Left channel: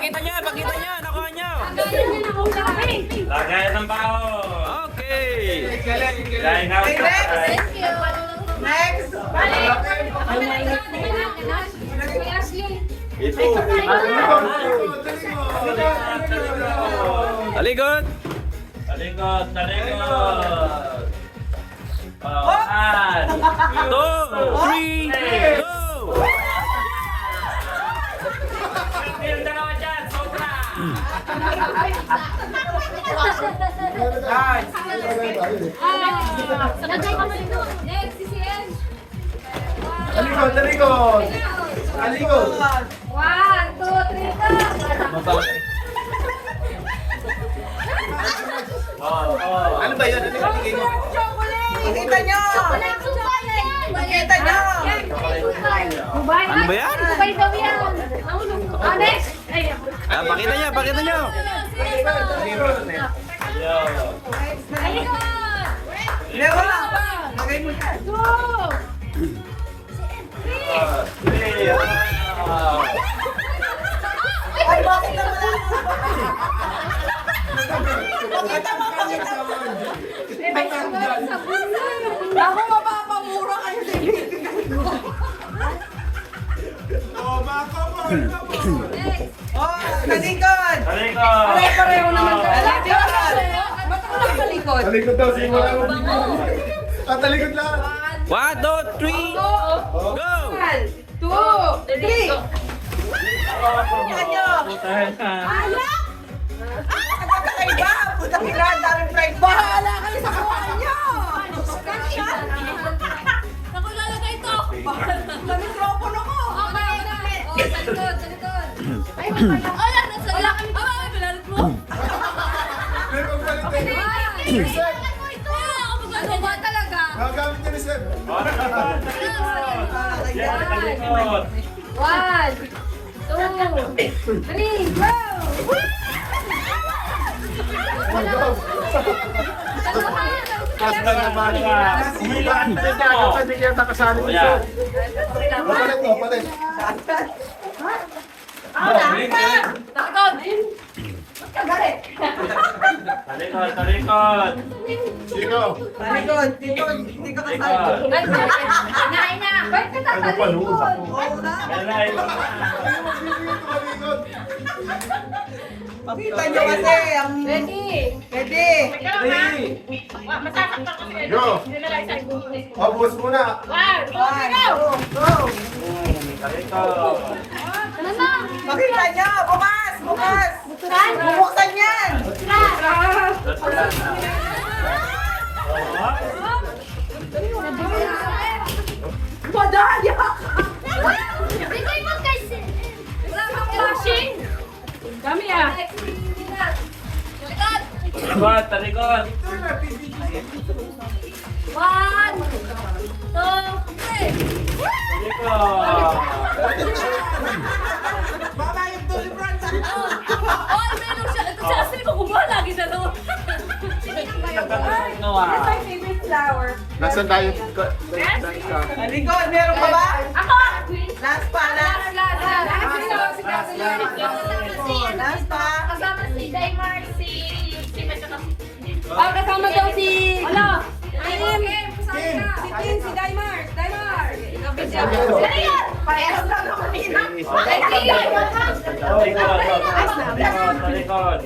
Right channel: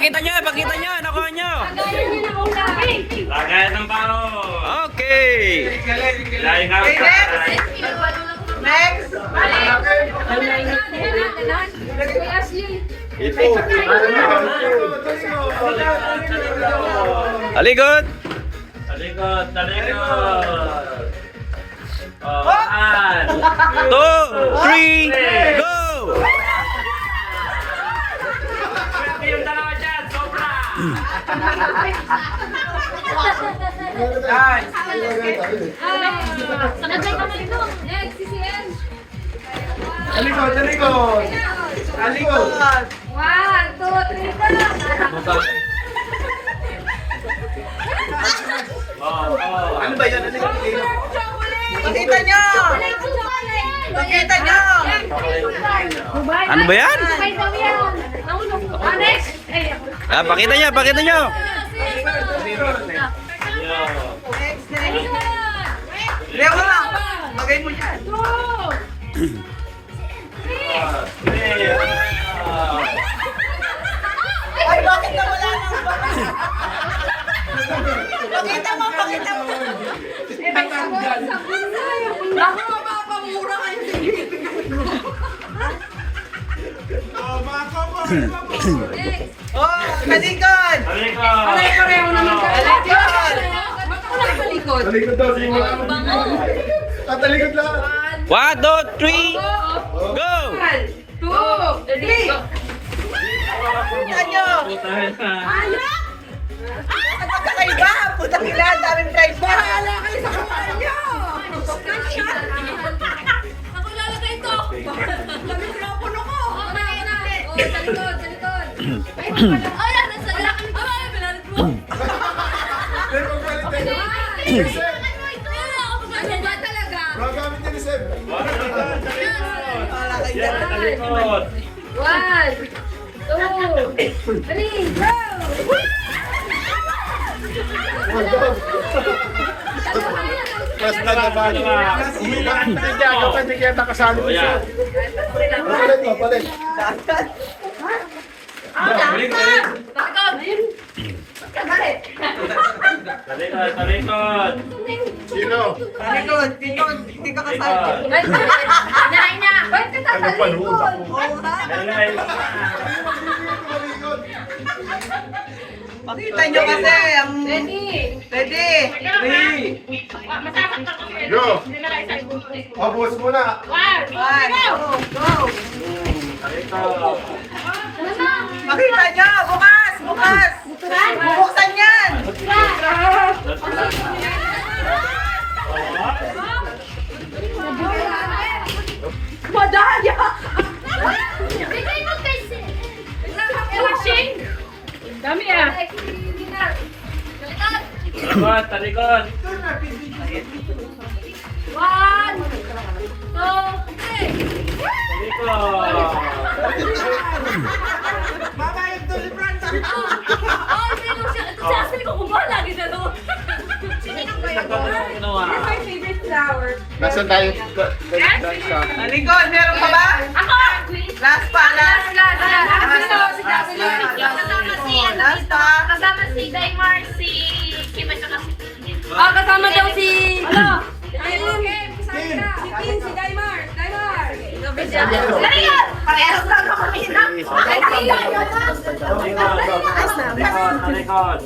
pakita nyo, pakita nyo. Nakuha nyo. Lagay ng baho. Okay. Line out. Next! Ito. Talikod. Talikod, talikod. Oh, 1, 2, 3, go! yung dalawa dyan, sobra. Next, si Ren. Talikod, talikod. Talikod. 1, 2, 3, go! Ano ba yan? Ano yung Pakita nyo! Pakita nyo! Ano ba yan? Sabay daw yan. Next! Ah, pakita nyo, pakita nyo. Lewa lang! Lagay mo dyan! Ay, bakit na wala na? Pakita mo, pakita mo! Ako mapapamura kayo sa ibibigay mo. Oh, kalikod! Talikod. Pareho naman ka. Kalikod! Ba't ako lang kalikod? Talikod daw. Talikod lang. 1, 2, 3, go! 2, 3! Pakita nyo! Ang magkakaiba! Putang ina, ang daming prize. Bahala kayo sa kuha nyo! Ako lalagay ito. Sa mikropono ko! Sa likod, sa likod. Ay, nasa lakad mo. Ay, binalit mo. Okay na yan. Ano ba talaga? Gagamit niya ni Seb. Talikod. 1, 2, 3, go! Mas nagabali niya. Umiba. Pwede kaya nakasali Oh, mo yan. Palit mo, palit. Balik, balik. Talikod, talikod. Sino? Kalikod! Hindi ka kasali. Nanain niya. Ba't ka tatalikod? Oo na! Lalay. Talikod. Pakita nyo kasi ang... Ready? Ready! Yo. Abos muna. 1, 2, go! Talikod. Pakita nyo! Bukas! Bukas! Bubuksan yan! Madaya! Bigay mo kasi. Rushing? Dami ah. Talikod, talikod. 1, 2, 3. Talikod. Babayag to si Franz! Oh, meron siya. Ito siya. Asali ko kung lagi na no. Here's my favorite flower. Nasaan tayo? Talikod, meron pa ba? Ako! Last pa, last! Last pa! Kasama si Daimar, si Kim at saka si Oh, kasama daw si... Ano? Si Kim, si Daimar. Daimar! Parehas lang ako kanina. Talikod, talikod.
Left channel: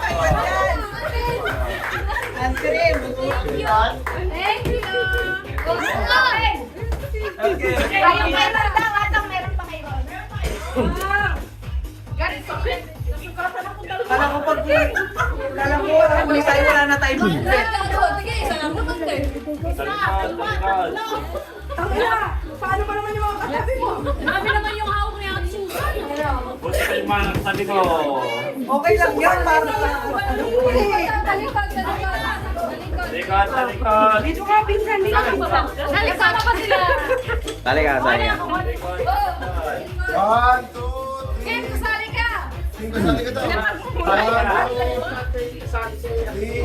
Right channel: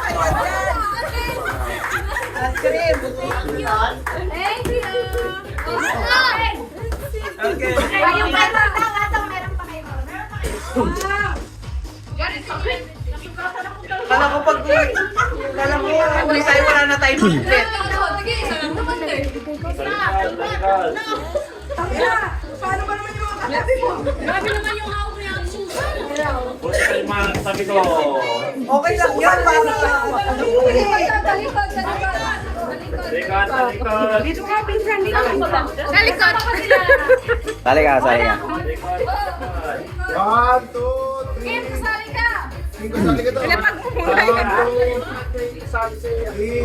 Ay, wala. Ice cream. Thank you! Okay. Ayun pa na daw, atong meron pa kayo. Kala ko pag... Kala ko, huli tayo, wala na tayo budget. Sige, isa lang naman eh. Talikod, talikod. Paano ba naman yung mga katabi mo? Marami naman yung hawak niya at Susan. Buti kayo mga sabi ko. Okay lang yun, paano ba? Ano ko eh? Talikod, talikod. Talikod, talikod. Dito nga, pinsan, dito nga. Talikod pa sila. Talika, talika. One, two, Kim, kasali ka. talikod tayo.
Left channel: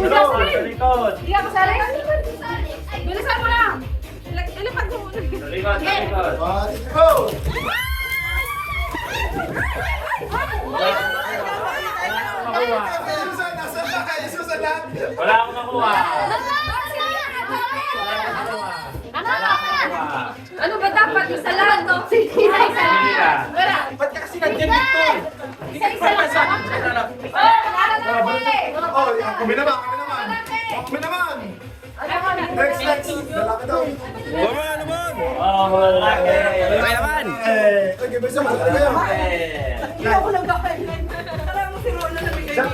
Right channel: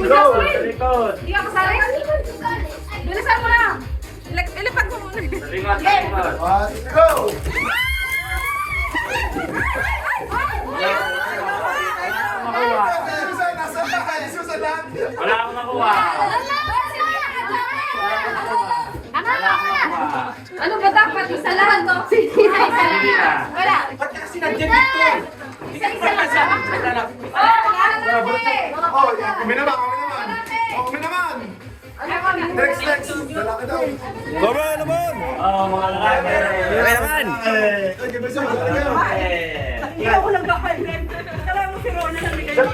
Go, talikod. Hindi ka kasali? Bilisan mo na. Ilapag mo muna. Talikod, talikod. One, go! Wala akong nakuha. Ano ba dapat? Isa lang. Sige na. Wala. Ba't ka kasi nandiyan dito? Isa lang. Oh, kami naman. Kami naman. Next. Lalaki daw. Baba naman! Wala. Okay naman! Okay, basta mo. Ikaw ko lang gawin. Alam mo si Rona na bigay mo.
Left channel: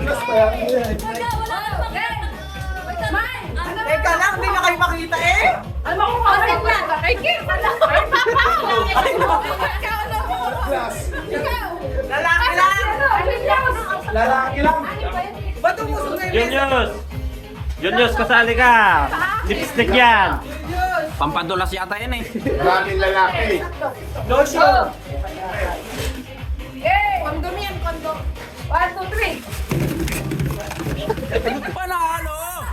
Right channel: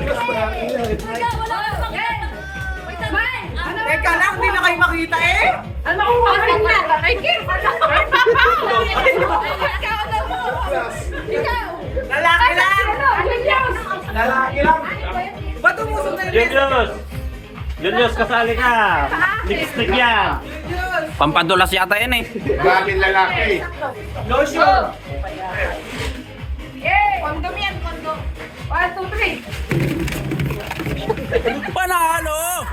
Teka lang, hindi na kayo makita eh. Ano ko wala na? Ay, Kim! Ikaw! Lalaki lang. Lalaki lang. Ba't umusok na yung Juniors! Juniors, kasali ka! Lipstick yan! Pampadulas yata yan eh. Lalaki. lotion? Kondom yan, kondom. 1, 2, 3. Panalo!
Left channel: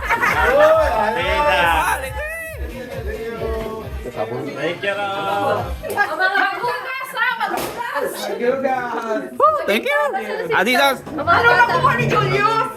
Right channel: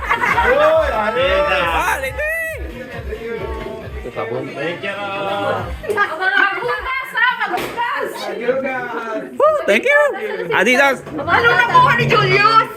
Beda! Quality! Thank you! Magbukas ha! Magbukas! Thank you! Adidas! Ano nakuha ni Julius?